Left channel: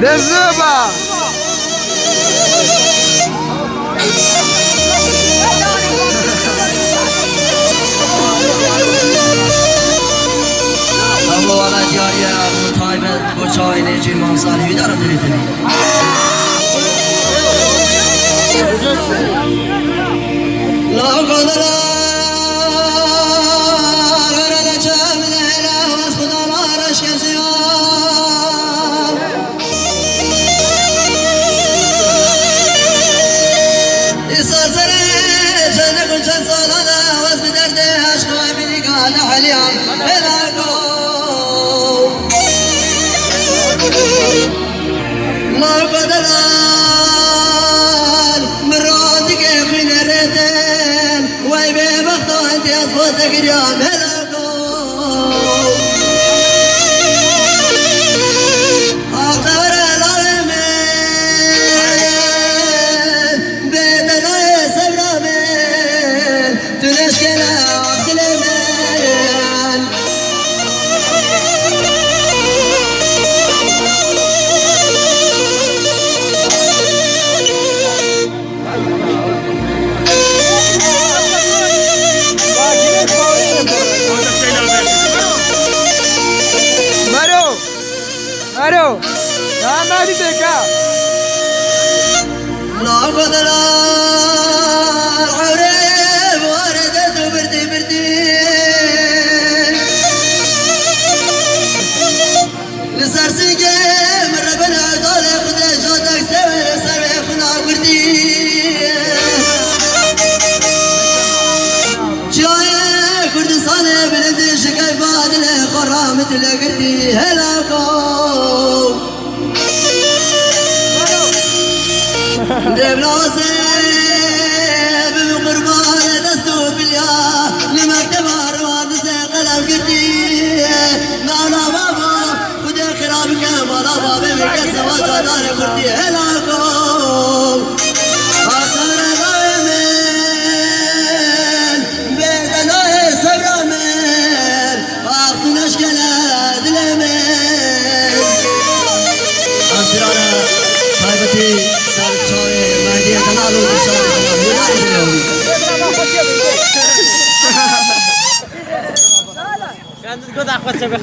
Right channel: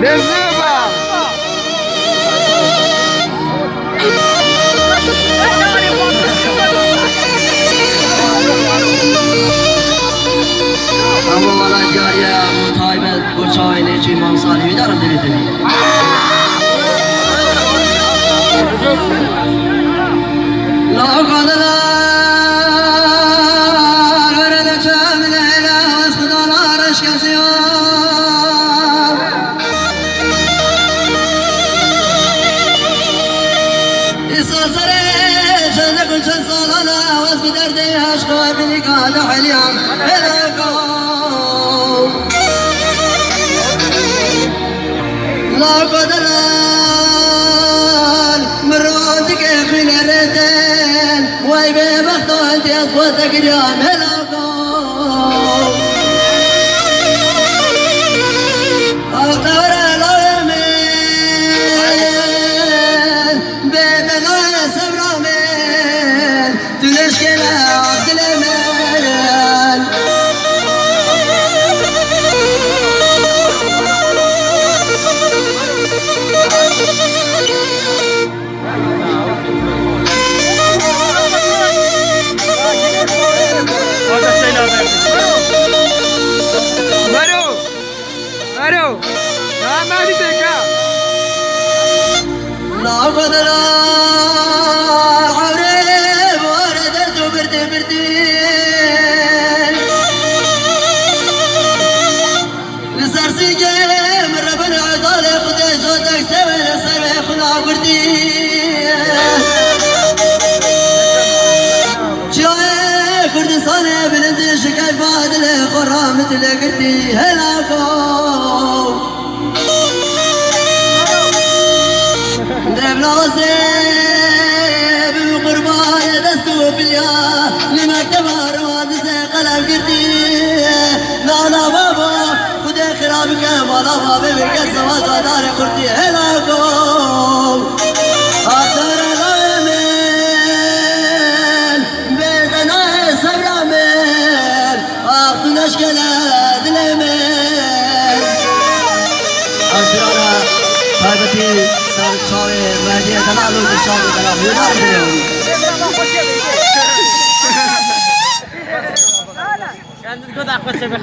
Dezuba. Abu wala jariya mutaibat boçay neci mansar hidar dilitini. La kadala garala çamile la vasfudala raşkasiya. İsasare jane kunşan salala vasf derde aşkı bini kana haliyam helaka. La kadala مرادك في نرتين ويبي بختو انت اصواتك اليوم هلاكو اختار الامين بيت لا يسبر من تنشكل عبد الامين Alo. Ya mari teka. لا قدر عرب وردت وبرتي برتي لسر سيجي من ربنا عطالي خدي جودك سوي سوي خنا برتي شاي كردستاني بلدي شكاي فادلي خرامت اللي قرتي هلاكو دبلاسي بمقربايا دستو بيا لمكتب روادسي قلم قرتي نانا بابا خدي خرابك مالا بابا بكر سواد ودار قرتي هلاكو اختار الامين بيتنا صبر امين اختو نشكل دلمين اسرارا حيبتي سرچاوي مهدي تنالو دشاو كلام يدار ديو Yalnız gıda akması be